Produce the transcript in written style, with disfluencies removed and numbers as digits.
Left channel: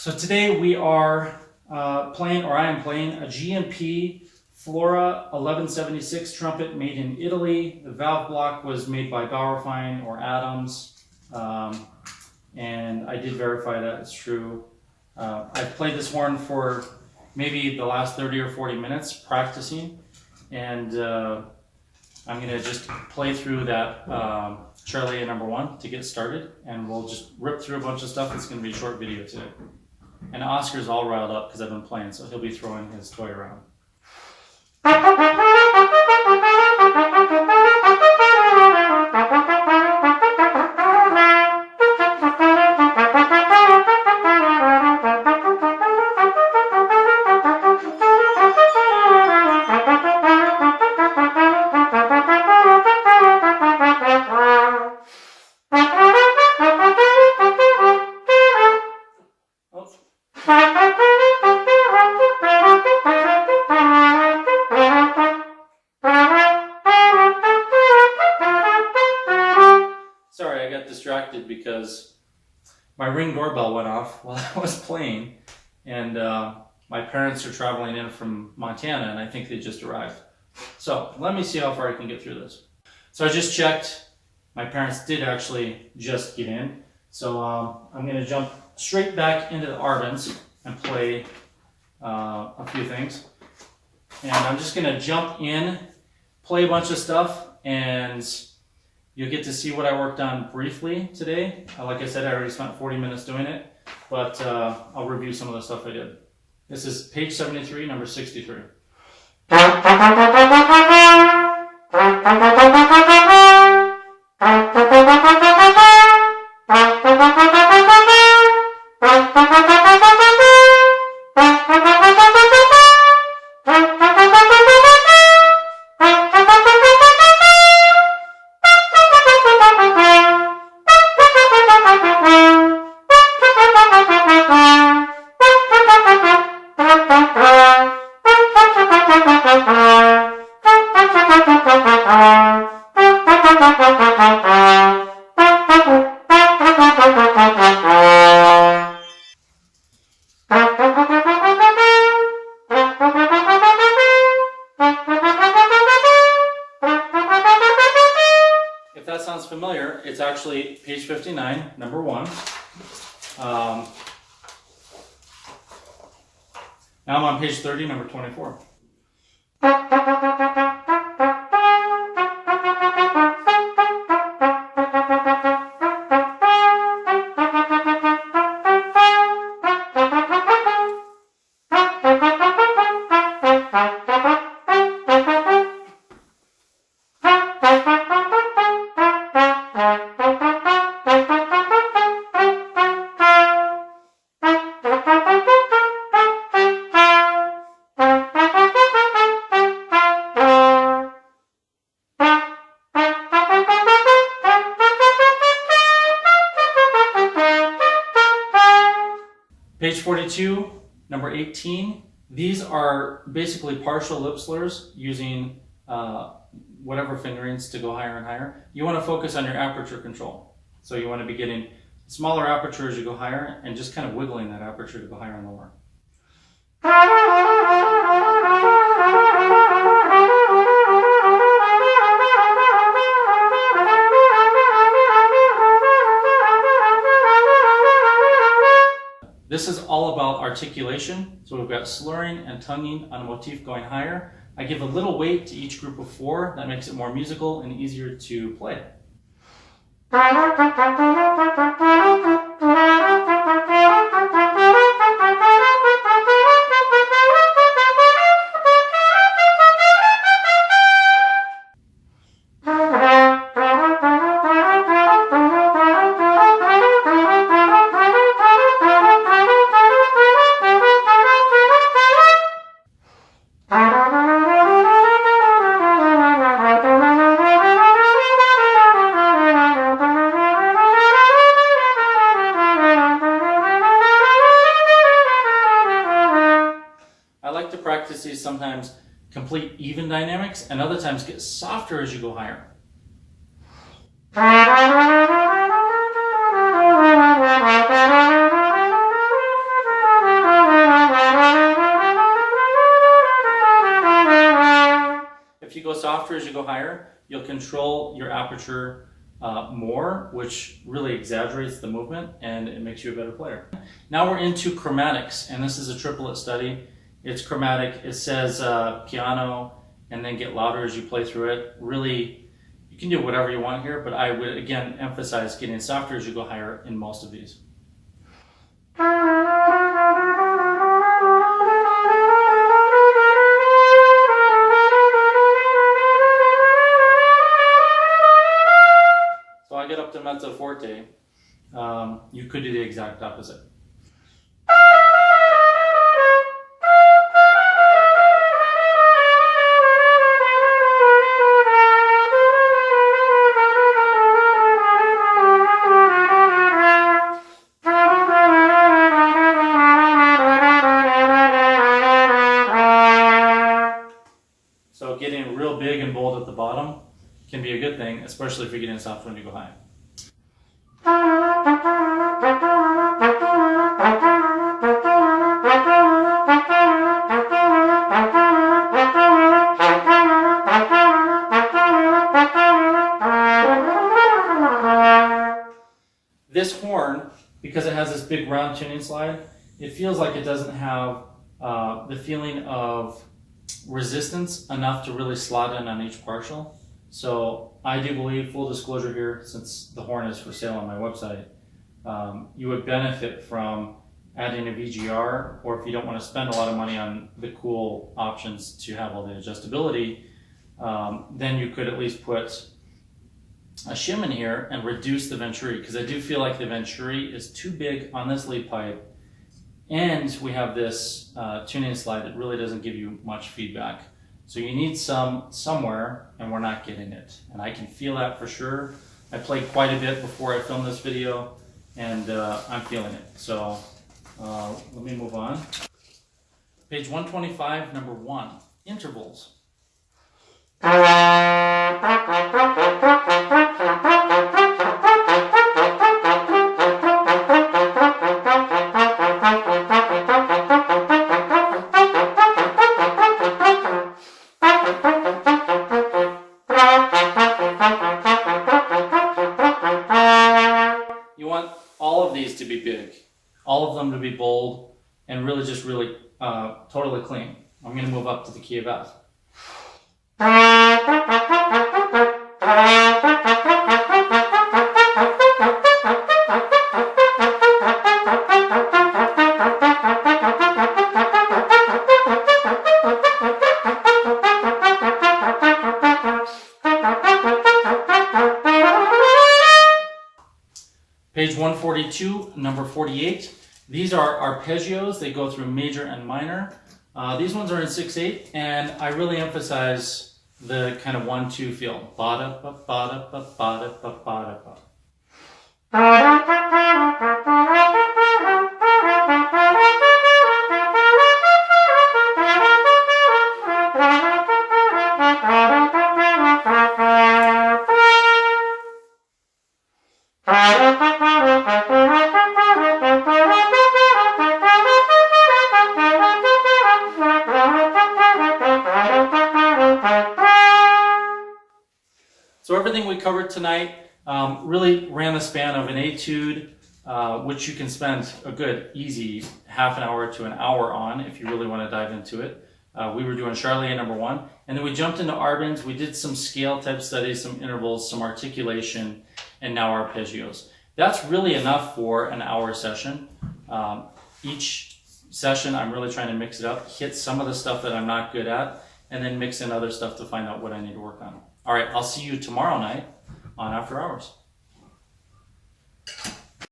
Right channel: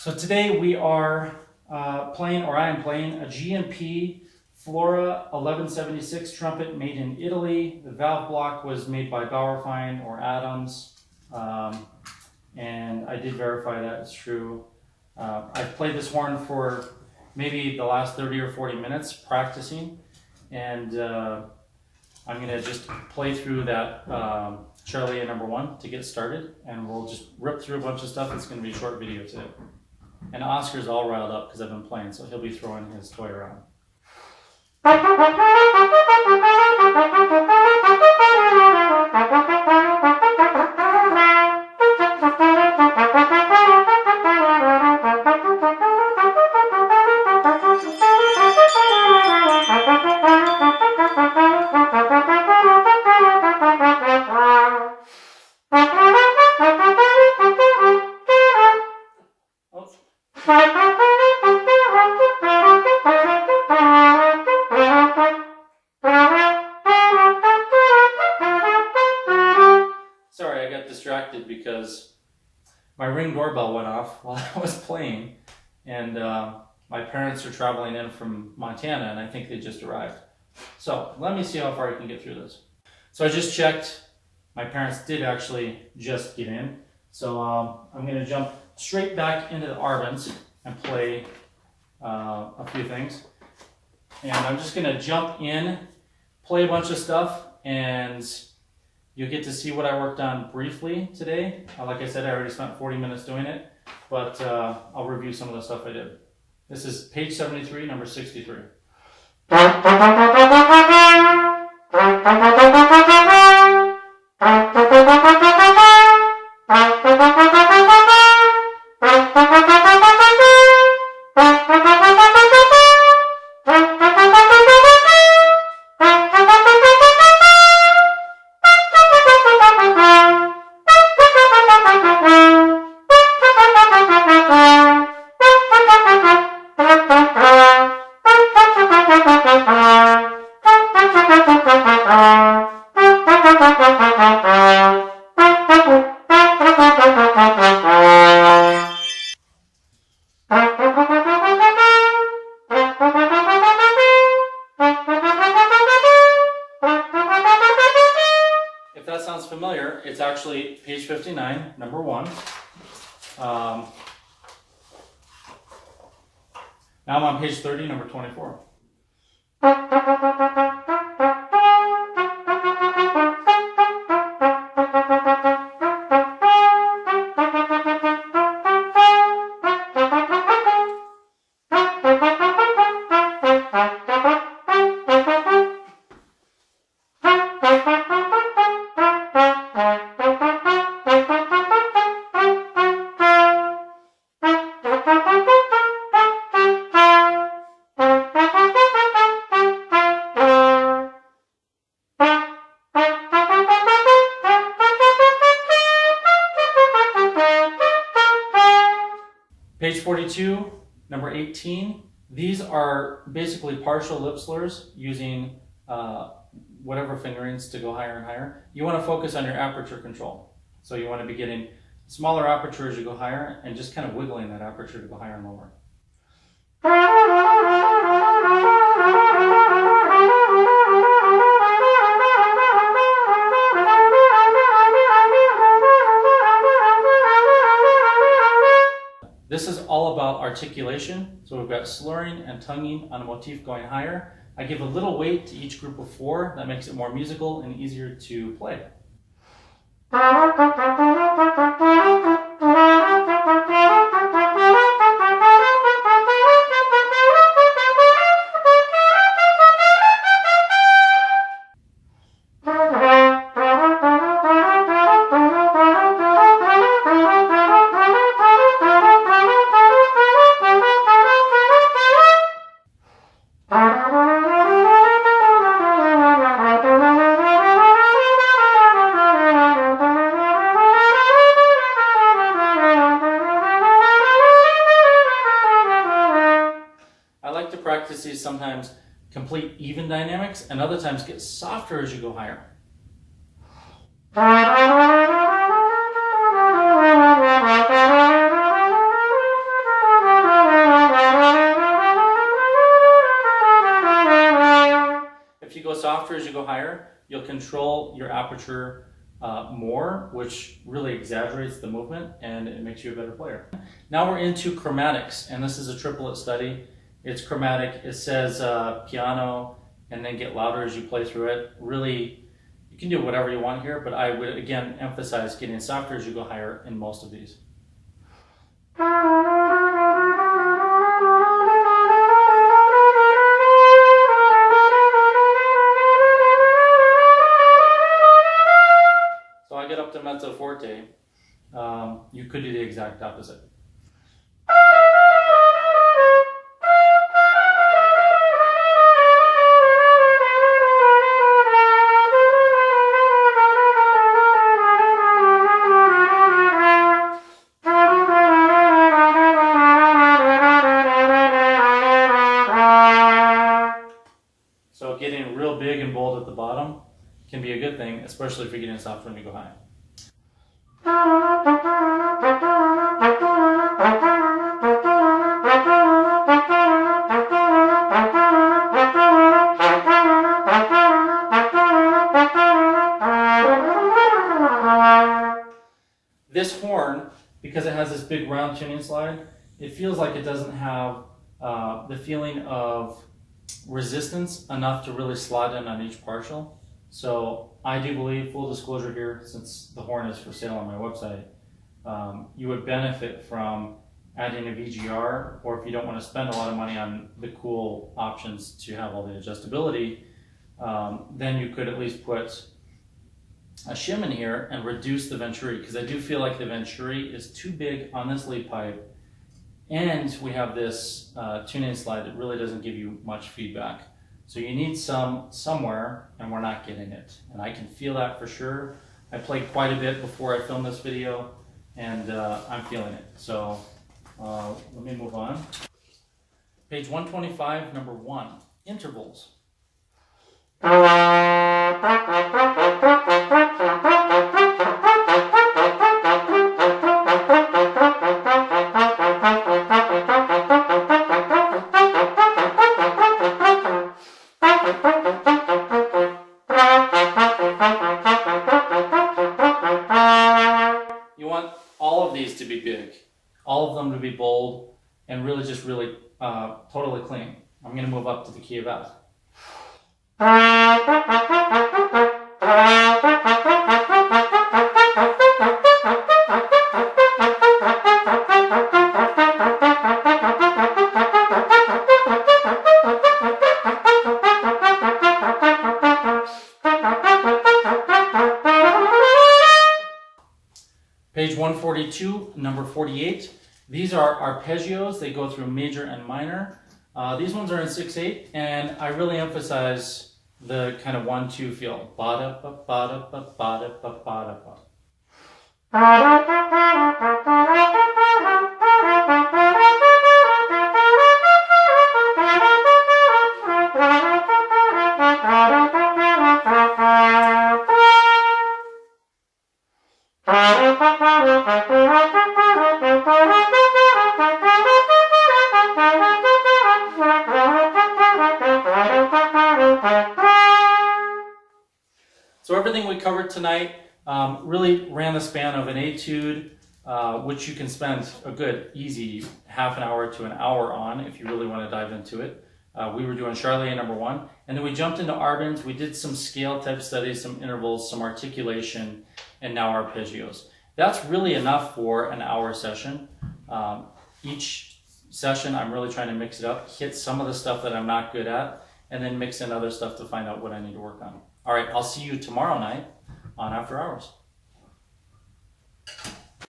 So today we are playing, or I am playing, a GMP Flora 1176 trumpet made in Italy. The valve block was made by Bauerfeind or Adams, and I did verify that it's true. I've played this horn for maybe the last 30 or 40 minutes practicing, and I'm going to just play through that Charlie number 1 to get started, and we'll just rip through a bunch of stuff. It's going to be a short video today. And Oscar's all riled up because I've been playing, so he'll be throwing his toy around. Sorry, I got distracted because my Ring doorbell went off while I was playing, and my parents are traveling in from Montana, and I think they just arrived. So let me see how far I can get through this. So I just checked. My parents did actually just get in, so I'm going to jump straight back into the Arvins and play a few things. And I'm just going to jump in, play a bunch of stuff, and you'll get to see what I worked on briefly today. Like I said, I already spent 40 minutes doing it, but I'll review some of the stuff I did. This is page 73, number 63. If that sounds familiar, it's actually page 59, number 1. Now I'm on page 30, number 24. Page 42, number 18. These are basically partial lip slurs using whatever fingerings to go higher and higher. You want to focus on your aperture control. So you want to be getting smaller aperture as you go higher and just kind of wiggling that aperture to go higher and lower. This is all about articulation. So we've got slurring and tonguing on a motif going higher. I give a little weight to each group of 4. That makes it more musical and easier to play. Practice these sometimes complete even dynamics, and other times get softer as you go higher. softer as you go higher, you'll control your aperture more, which really exaggerates the movement and it makes you a better player. Now we're into chromatics, and this is a triplet study. It's chromatic. It says piano and then get louder as you play through it. Really, you can do whatever you want here, but I would again emphasize getting softer as you go higher in most of these. So I get up to mezzo forte. You could do the exact opposite. So getting real big and bold at the bottom can be a good thing, especially if you're getting soft when you go high. This horn, because it has this big round tuning slide, it feels like it doesn't have the feeling of resistance enough to really slot in on each partial. So I do believe, full disclosure here, since the horn is for sale on my website, you would benefit from adding a VGR, or if you don't want to spend a lot of money on the cool options to have all the adjustability, then you could at least put a shim in here and reduce the venturi, because I do feel like the venturi is too big on this lead pipe, and we have this tuning slide that really doesn't give you much feedback. So you need somewhere, and we're not getting it. And I can feel that for sure. I played quite a bit before I filmed this video, and I'm feeling it. So let me move on. Page 125, number 1, intervals. You want all of these to be big, all of them to be bold, and really just totally clean. I'm going to move up to the key of F. Page 142, number 48. These are arpeggios. They go through major and minor. These ones are in 6/8, and I really emphasize the kind of 1-2 feel. Ba-da-ba, ba-da-ba, ba-da-ba, ba-da-ba. So everything we covered tonight really ran the span of an etude, which you can spend a good, easy half an hour to an hour on if you really want to dive into it. We were doing Charlier number 1, and then we jumped into Arban's. We did some scale type studies, some intervals, some articulation, and now arpeggios. That's really enough for an hour session. Each session, I'm really trying to mix it up, hit some of the stuff that I'm not good at, and then mix in other stuff to find out what I need to work on. All right, I'll see you tomorrow night on After Hours.